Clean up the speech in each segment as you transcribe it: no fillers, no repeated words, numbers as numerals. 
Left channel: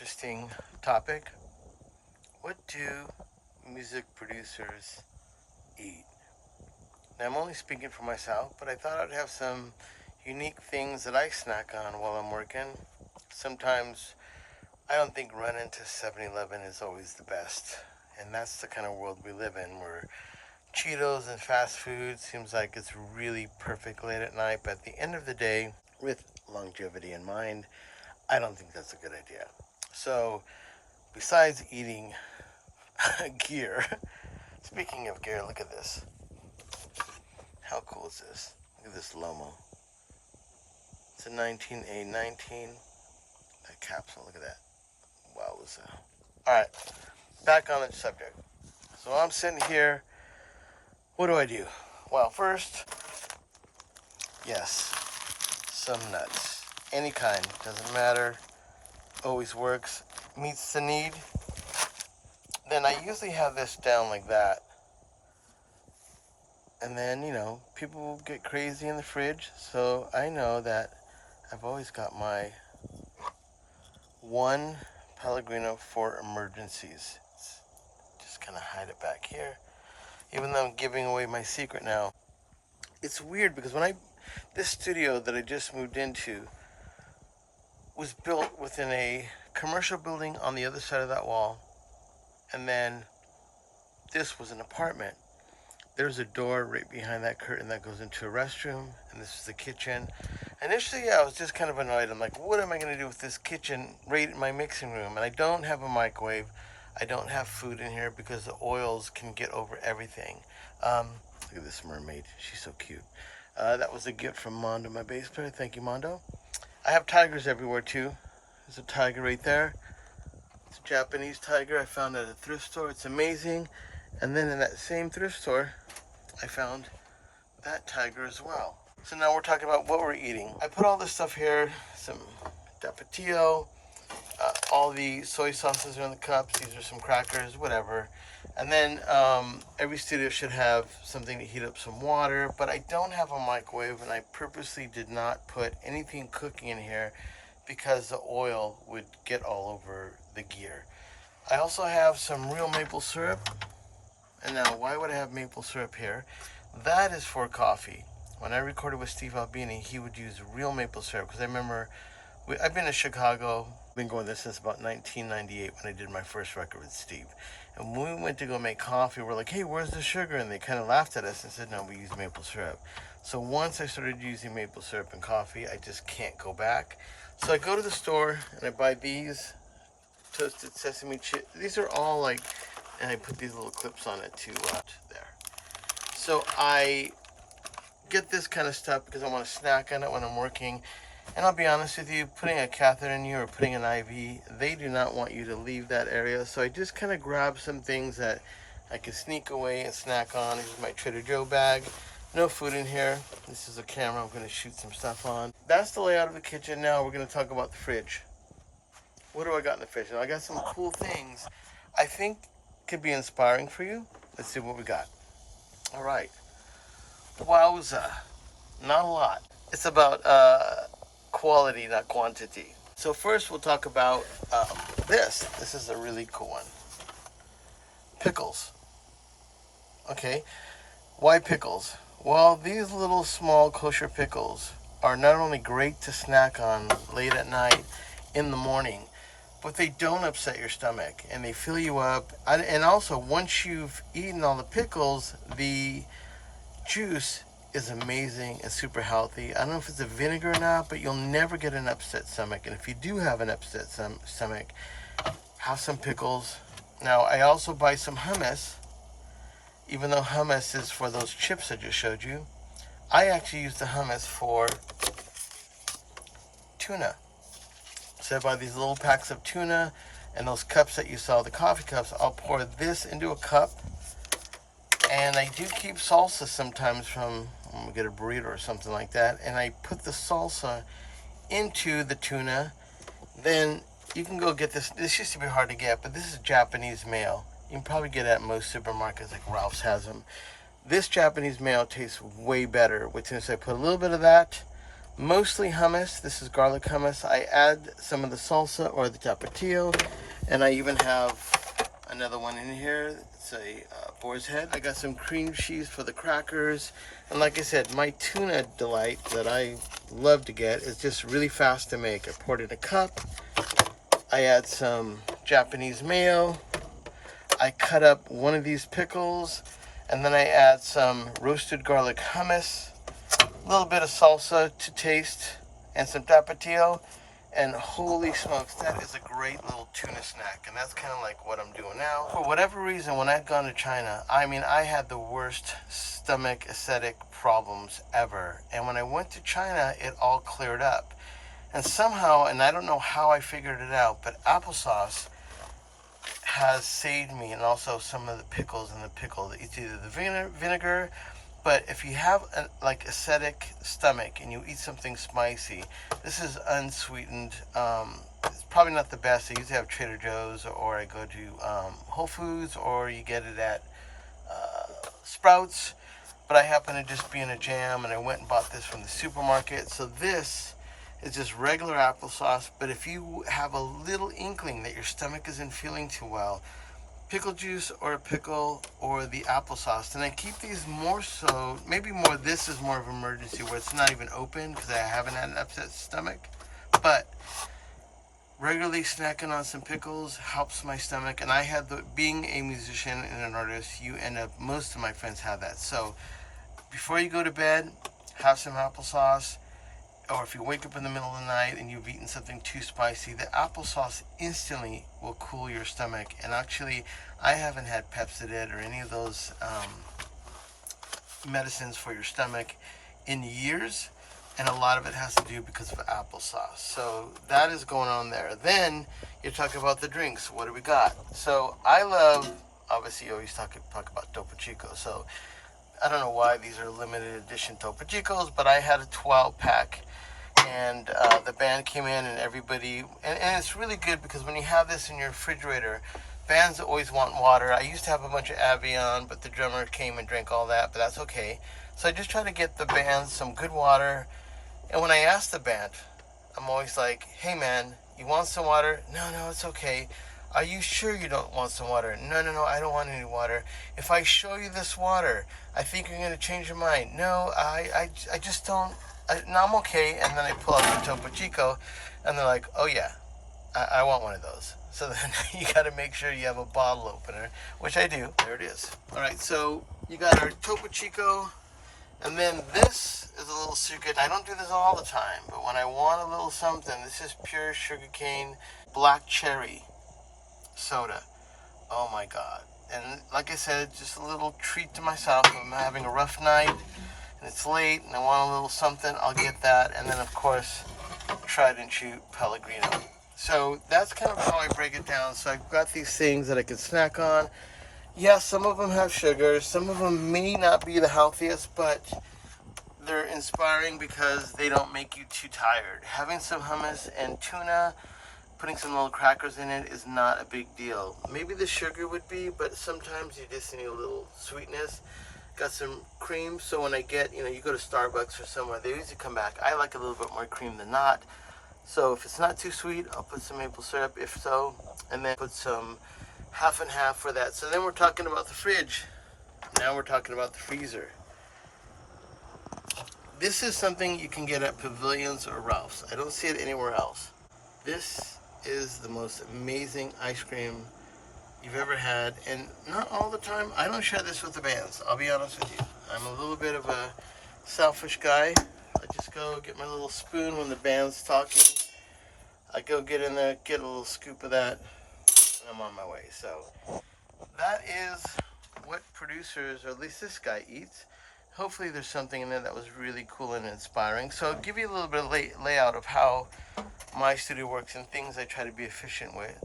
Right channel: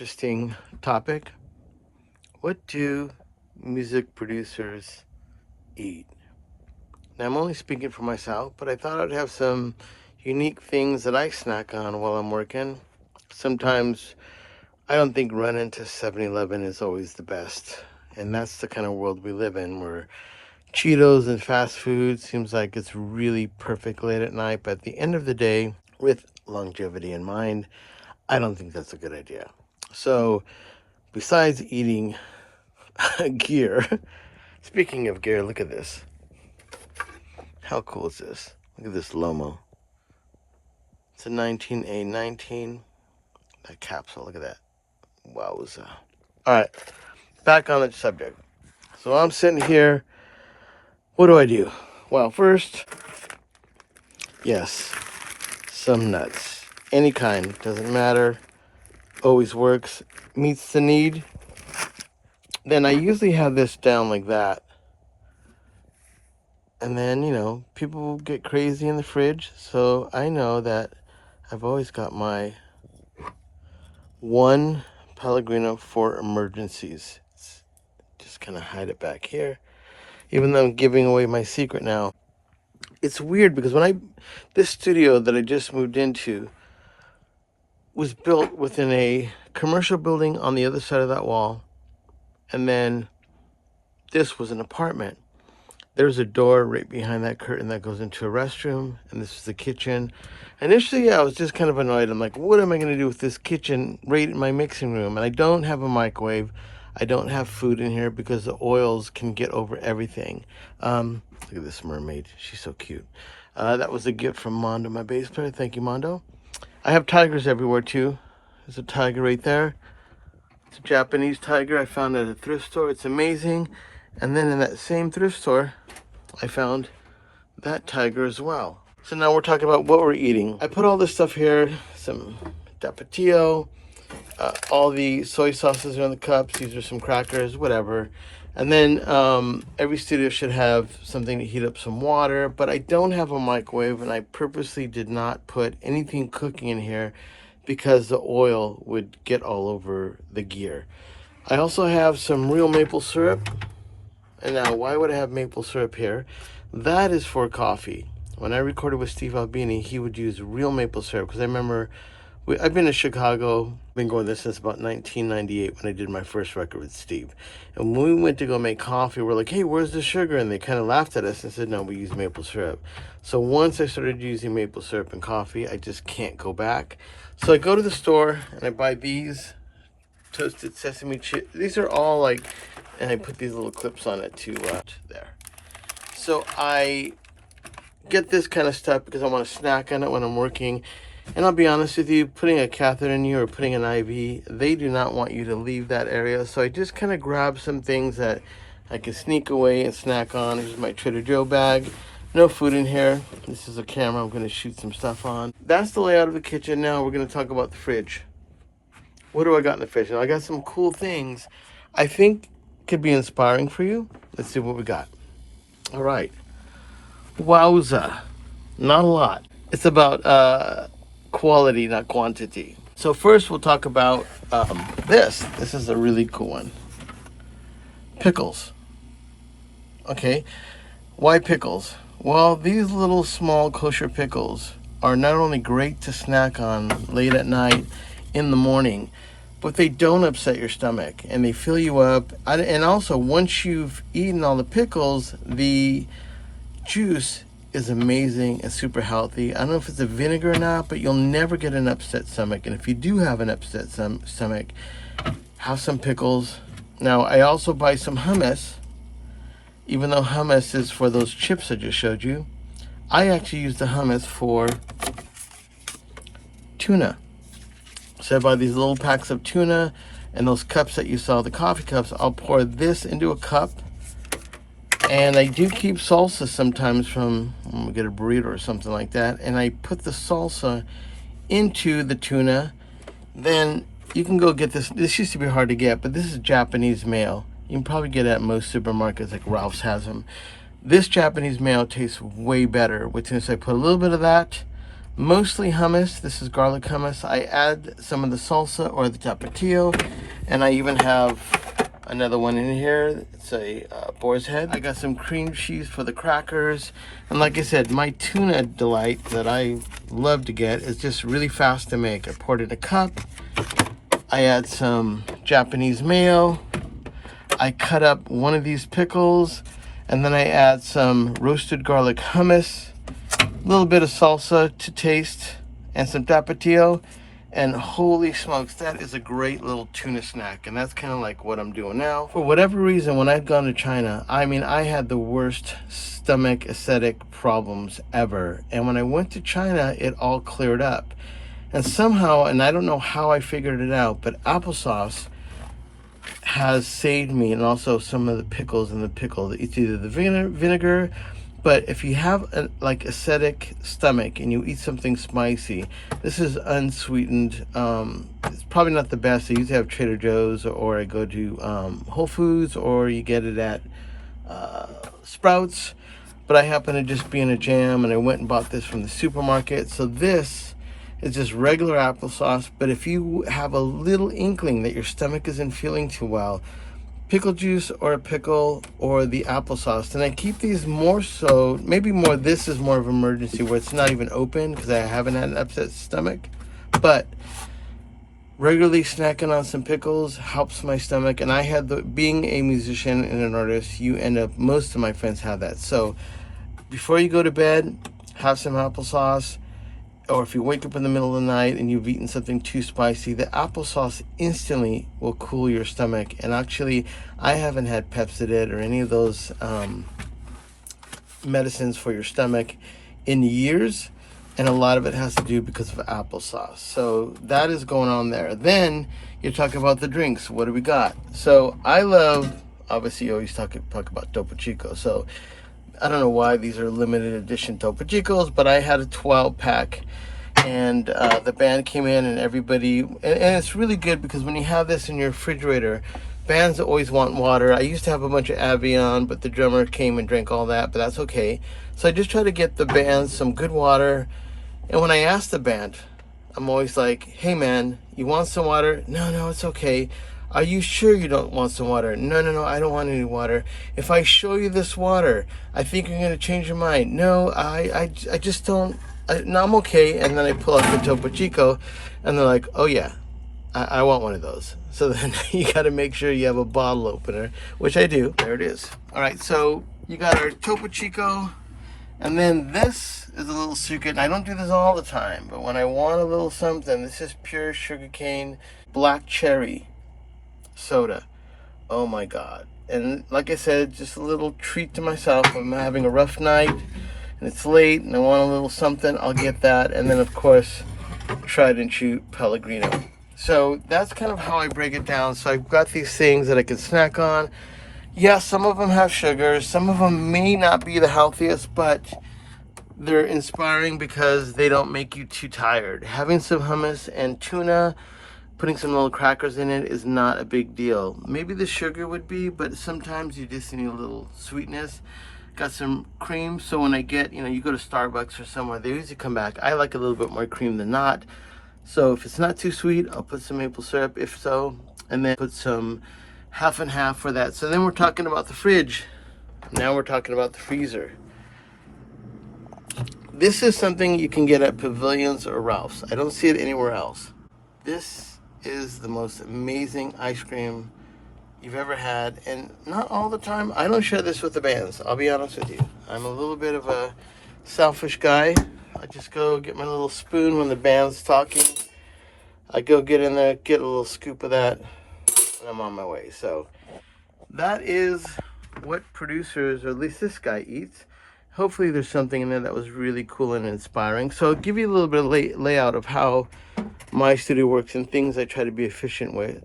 interesting topic. What do music producers eat? Now, I'm only speaking for myself, but I thought I'd have some unique things that I snack on while I'm working. Sometimes I don't think running to 7-Eleven is always the best. And that's the kind of world we live in where Cheetos and fast food seems like it's really perfect late at night. But at the end of the day, with longevity in mind, I don't think that's a good idea. So, besides eating gear, speaking of gear, look at this. How cool is this? Look at this Lomo. It's a 19A19. That capsule, look at that. Wowza. Alright, back on the subject. So I'm sitting here. What do? Well, first, yes, some nuts. Any kind, doesn't matter. Always works. Meets the need. Then I usually have this down like that. And then, people get crazy in the fridge. So I know that I've always got my one Pellegrino for emergencies. Just kind of hide it back here. Even though I'm giving away my secret now. It's weird because this studio that I just moved into was built within a commercial building on the other side of that wall. And then this was an apartment. There's a door right behind that curtain that goes into a restroom, and this is the kitchen. Initially, I was just kind of annoyed. I'm like, what am I going to do with this kitchen right in my mixing room? And I don't have a microwave. I don't have food in here because the oils can get over everything. Look at this mermaid. She's so cute. That was a gift from Mondo, my bass player. Thank you, Mondo. I have tigers everywhere, too. There's a tiger right there. It's a Japanese tiger I found at a thrift store. It's amazing. And then in that same thrift store, I found that tiger as well. So now we're talking about what we're eating. I put all this stuff here, some tapatio, all the soy sauces are in the cups. These are some crackers, whatever. And then every studio should have something to heat up some water, but I don't have a microwave, and I purposely did not put anything cooking in here because the oil would get all over the gear. I also have some real maple syrup. And now, why would I have maple syrup here? That is for coffee. When I recorded with Steve Albini, he would use real maple syrup. Because I remember, I've been to Chicago, been going there since about 1998 when I did my first record with Steve. And when we went to go make coffee, we're like, hey, where's the sugar? And they kind of laughed at us and said, no, we use maple syrup. So once I started using maple syrup in coffee, I just can't go back. So I go to the store and I buy these toasted sesame chips. These are all like, and I put these little clips on it too, there. So I get this kind of stuff because I want to snack on it when I'm working. And I'll be honest with you, putting a catheter in you or putting an IV, they do not want you to leave that area. So I just kind of grab some things that I can sneak away and snack on. Here's my Trader Joe bag. No food in here. This is a camera I'm going to shoot some stuff on. That's the layout of the kitchen. Now we're going to talk about the fridge. What do I got in the fridge? Now I got some cool things I think could be inspiring for you. Let's see what we got. All right. Wowza. Not a lot. It's about quality, not quantity. So first we'll talk about this. This is a really cool one. Pickles. Okay. Why pickles? Well, these little small kosher pickles are not only great to snack on late at night, in the morning, but they don't upset your stomach and they fill you up. And also, once you've eaten all the pickles, the juice is amazing and super healthy. I don't know if it's a vinegar or not, but you'll never get an upset stomach. And if you do have an upset stomach, have some pickles. Now, I also buy some hummus. Even though hummus is for those chips I just showed you, I actually use the hummus for tuna. So I buy these little packs of tuna, and those cups that you saw, the coffee cups, I'll pour this into a cup. And I do keep salsa sometimes from when we get a burrito or something like that. And I put the salsa into the tuna. Then you can go get this. This used to be hard to get, but this is Japanese mayo. You can probably get it at most supermarkets, like Ralph's has them. This Japanese mayo tastes way better. Which is I put a little bit of that, mostly hummus. This is garlic hummus. I add some of the salsa or the tapatio, and I even have another one in here. It's a boar's head. I got some cream cheese for the crackers, and like I said, my tuna delight that I love to get is just really fast to make. I poured it in a cup. I add some Japanese mayo. I cut up one of these pickles, and then I add some roasted garlic hummus, a little bit of salsa to taste, and some tapatio, and holy smokes, that is a great little tuna snack. And that's kind of like what I'm doing now. For whatever reason, when I've gone to China, I mean, I had the worst stomach acidic problems ever, and when I went to China, it all cleared up. And somehow, and I don't know how I figured it out, but applesauce has saved me, and also some of the pickles in the pickle. It's either the vinegar, but if you have a like acidic stomach and you eat something spicy, this is unsweetened. It's probably not the best. I usually have Trader Joe's, or I go to Whole Foods, or you get it at Sprouts. But I happen to just be in a jam, and I went and bought this from the supermarket. So this is just regular applesauce, but if you have a little inkling that your stomach isn't feeling too well, pickle juice or a pickle or the applesauce. And I keep these more so, maybe more, this is more of an emergency where it's not even open because I haven't had an upset stomach. But regularly snacking on some pickles helps my stomach. And I had being a musician and an artist, you end up, most of my friends have that. So before you go to bed, have some applesauce. Or if you wake up in the middle of the night and you've eaten something too spicy, the applesauce instantly will cool your stomach. And actually, I haven't had Pepcid or any of those medicines for your stomach in years, and a lot of it has to do because of applesauce. So that is going on there. Then you're talking about the drinks. What do we got? So I love, obviously you always talk about Topo Chico. So I don't know why these are limited edition Topo Chicos, but I had a 12-pack, and the band came in, and everybody, and it's really good because when you have this in your refrigerator, bands always want water. I used to have a bunch of Avion, but the drummer came and drank all that, but that's okay. So I just try to get the bands some good water, and when I ask the band, I'm always like, hey man, you want some water? No, it's okay. Are you sure you don't want some water? No, I don't want any water. If I show you this water, I think you're going to change your mind. No, I just don't. No, I'm okay. And then I pull out the Topo Chico, and they're like, oh yeah, I want one of those. So then you got to make sure you have a bottle opener, which I do. There it is. All right, so you got our Topo Chico, and then this is a little secret. I don't do this all the time, but when I want a little something, this is pure sugarcane black cherry soda. Oh my god. And like I said, just a little treat to myself. I'm having a rough night and it's late and I want a little something, I'll get that. And then of course, tried and true Pellegrino. So that's kind of how I break it down. So I've got these things that I can snack on. Yes, some of them have sugars, some of them may not be the healthiest, but they're inspiring because they don't make you too tired. Having some hummus and tuna, putting some little crackers in it is not a big deal. Maybe the sugar would be, but sometimes you just need a little sweetness. Got some cream, so when I get, you go to Starbucks or somewhere, they usually come back. I like a little bit more cream than not. So if it's not too sweet, I'll put some maple syrup, if so, and then put some half and half for that. So then we're talking about the fridge. Now we're talking about the freezer. This is something you can get at Pavilions or Ralph's. I don't see it anywhere else. This is the most amazing ice cream you've ever had, and not all the time. I don't share this with the bands, I'll be honest with you. I'm a little bit of a selfish guy. I just go get my little spoon when the band's talking. I go get in there, get a little scoop of that, and I'm on my way. So that is what producers, or at least this guy, eats. Hopefully there's something in there that was really cool and inspiring. So I'll give you a little bit of layout of how my studio works and things I try to be efficient with.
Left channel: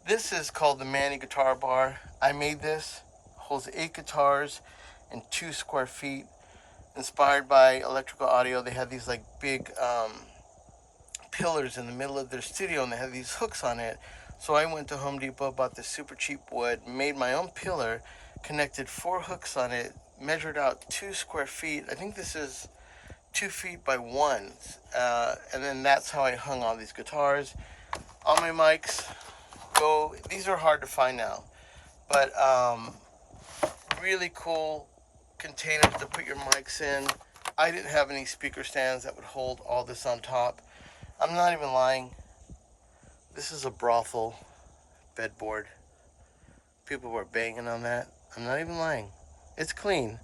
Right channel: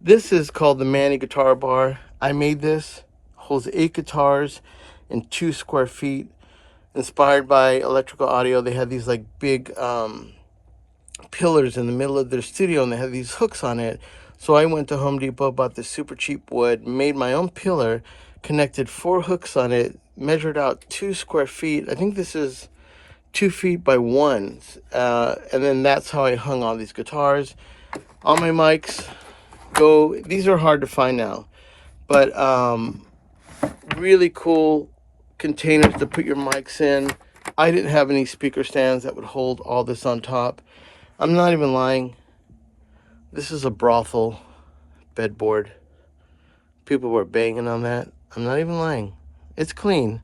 This is called the Manny guitar bar. I made this, holds 8 guitars in 2 square feet, inspired by electrical audio. They had these like big pillars in the middle of their studio, and they had these hooks on it. So I went to Home Depot, bought this super cheap wood, made my own pillar, connected 4 hooks on it, measured out 2 square feet. I think this is 2 feet by 1. And then that's how I hung all these guitars. All my mics go, these are hard to find now, but really cool containers to put your mics in. I didn't have any speaker stands that would hold all this on top. I'm not even lying. This is a brothel bedboard. People were banging on that. I'm not even lying. It's clean.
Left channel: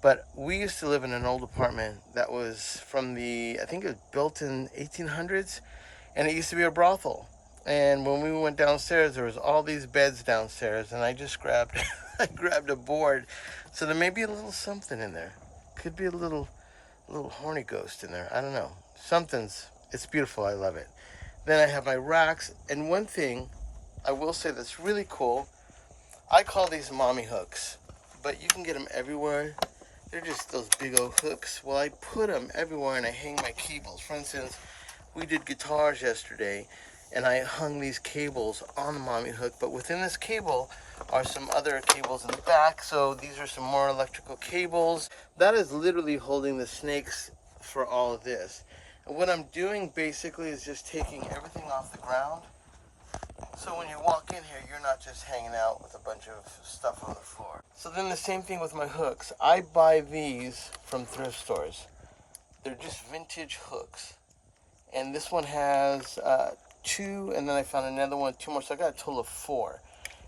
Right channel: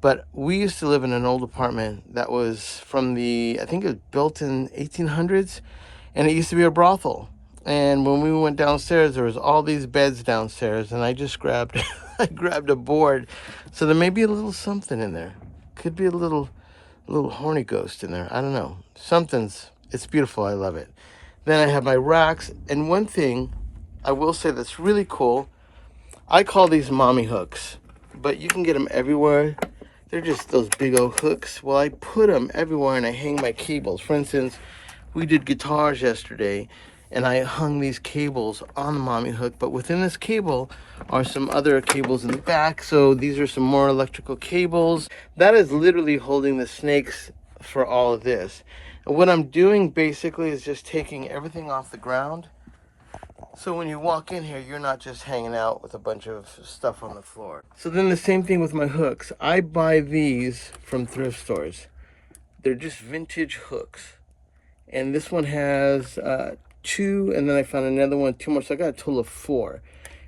But we used to live in an old apartment that was from I think it was built in 1800s, and it used to be a brothel. And when we went downstairs, there was all these beds downstairs, and I just grabbed, I grabbed a board. So there may be a little something in there. Could be a little horny ghost in there. I don't know. It's beautiful. I love it. Then I have my racks, and one thing I will say that's really cool, I call these mommy hooks, but you can get them everywhere. They're just those big old hooks. Well, I put them everywhere and I hang my cables. For instance, we did guitars yesterday and I hung these cables on the mommy hook, but within this cable are some other cables in the back. So these are some more electrical cables. That is literally holding the snakes for all of this. And what I'm doing basically is just taking everything off the ground. So when you walk in here, you're not just hanging out with a bunch of stuff on the floor. So then the same thing with my hooks. I buy these from thrift stores. They're just vintage hooks. And this one has 2, and then I found another one, 2 more. So I got a total of 4.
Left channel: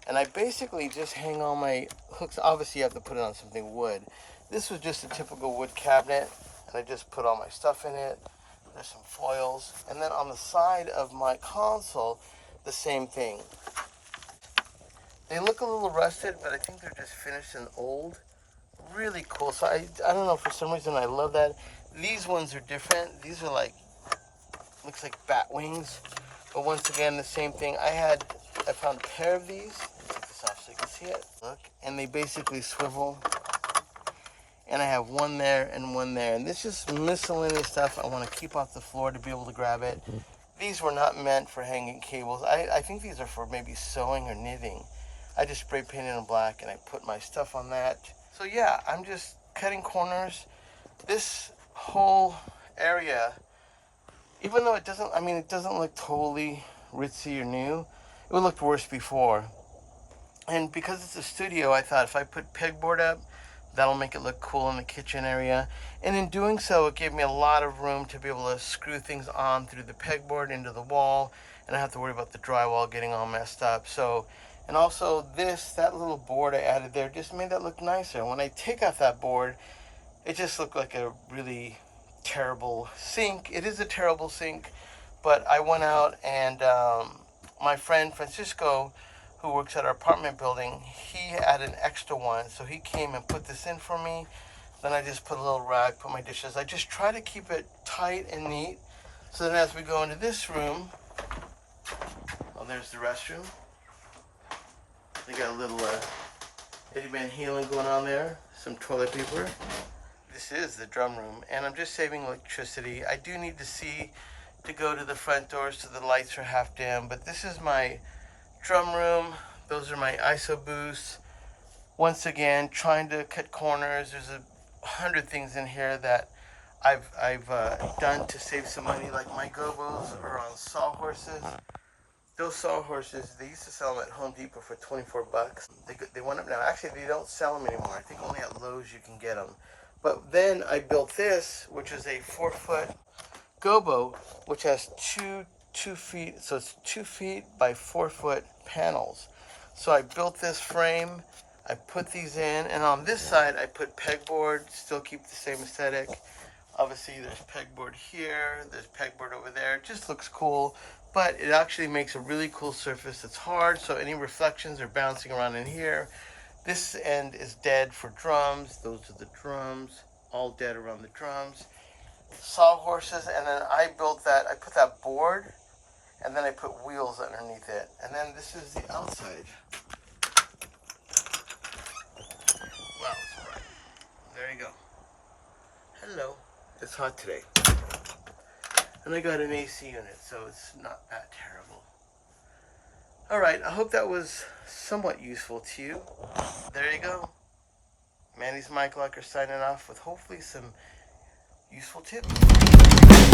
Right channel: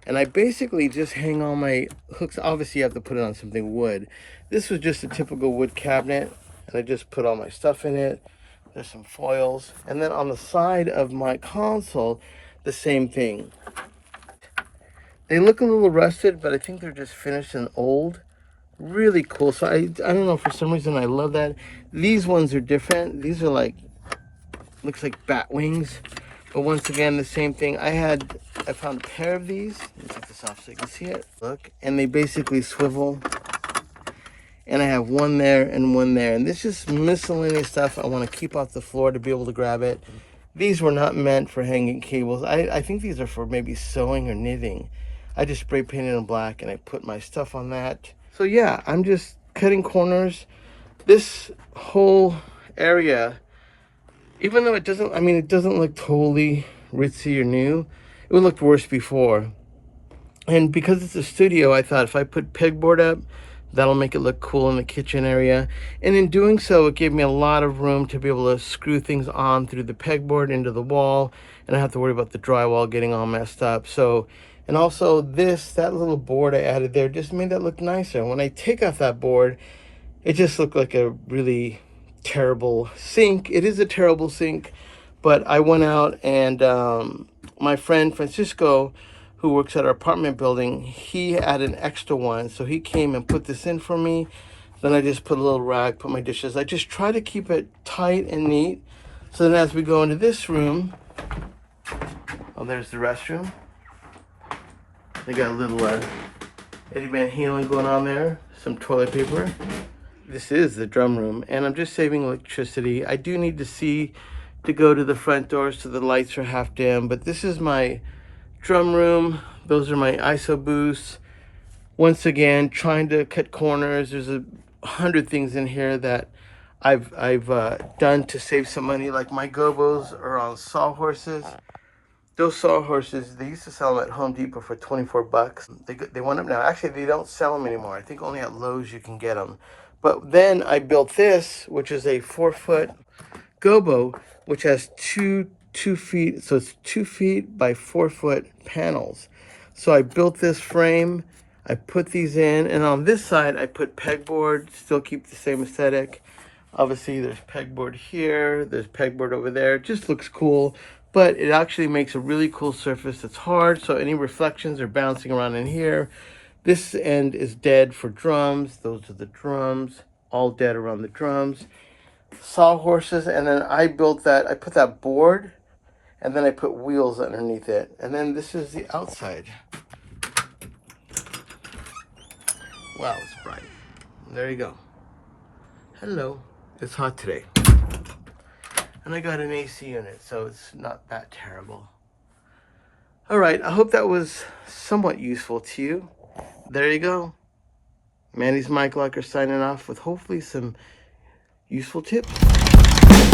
And I basically just hang all my hooks. Obviously, you have to put it on something wood. This was just a typical wood cabinet, and I just put all my stuff in it. There's some foils. And then on the side of my console, the same thing. They look a little rusted, but I think they're just finished and old. Really cool. So I don't know, for some reason I love that. These ones are different. These are like, looks like bat wings. But once again, the same thing. I found a pair of these. Let me take this off so you can see it. Look, and they basically swivel. And I have one there and one there. And this is miscellaneous stuff I want to keep off the floor to be able to grab it. These were not meant for hanging cables. I think these are for maybe sewing or knitting. I just spray painted them black and I put my stuff on that. So yeah, I'm just cutting corners. This whole area, even though it doesn't look totally ritzy or new, it looked worse before. And because it's a studio, I thought if I put pegboard up, that'll make it look cool in the kitchen area. And in doing so, it gave me a lot of room to be able to screw things on through the pegboard into the wall. And I don't have to worry about the drywall getting all messed up. So, and also that little board I added there just made that look nicer. When I take off that board, it just looked like a really terrible sink. It is a terrible sink, but I went out and my friend Francisco, who works at our apartment building, he had an extra one, so he came and put this in for me. Then I just put a little rag, put my dishes. I just try to keep it tight and neat. So then as we go into this room, oh, there's the restroom. They got a little Eddie Van Halen going on there, some toilet paper. This is the drum room, and I'm just saving electricity. I do need to go to the front door so the lights are half dim, but this is my drum room. Those are my ISO boosts. Once again, trying to cut corners. There's 100 things in here that I've done to save some money. Like my gobos are on sawhorses. Those sawhorses, they used to sell them at Home Depot for 24 bucks. They went up now. Actually, they don't sell them anymore. I think only at Lowe's you can get them. But then I built this, which is a 4-foot gobo, which has two feet, so it's 2 feet by 4 foot panels. So I built this frame, I put these in, and on this side I put pegboard, still keep the same aesthetic. Obviously there's pegboard here, there's pegboard over there. It just looks cool, but it actually makes a really cool surface that's hard, so any reflections are bouncing around in here. This end is dead for drums. Those are the drums, all dead around the drums. Sawhorses, and then I put that board, and then I put wheels underneath it. And then this is the outside. Wow, it's bright. There you go. Hello. It's hot today. And I got an AC unit, so it's not that terrible. All right, I hope that was somewhat useful to you. There you go. Manny's Mike Locker signing off with hopefully some useful tips.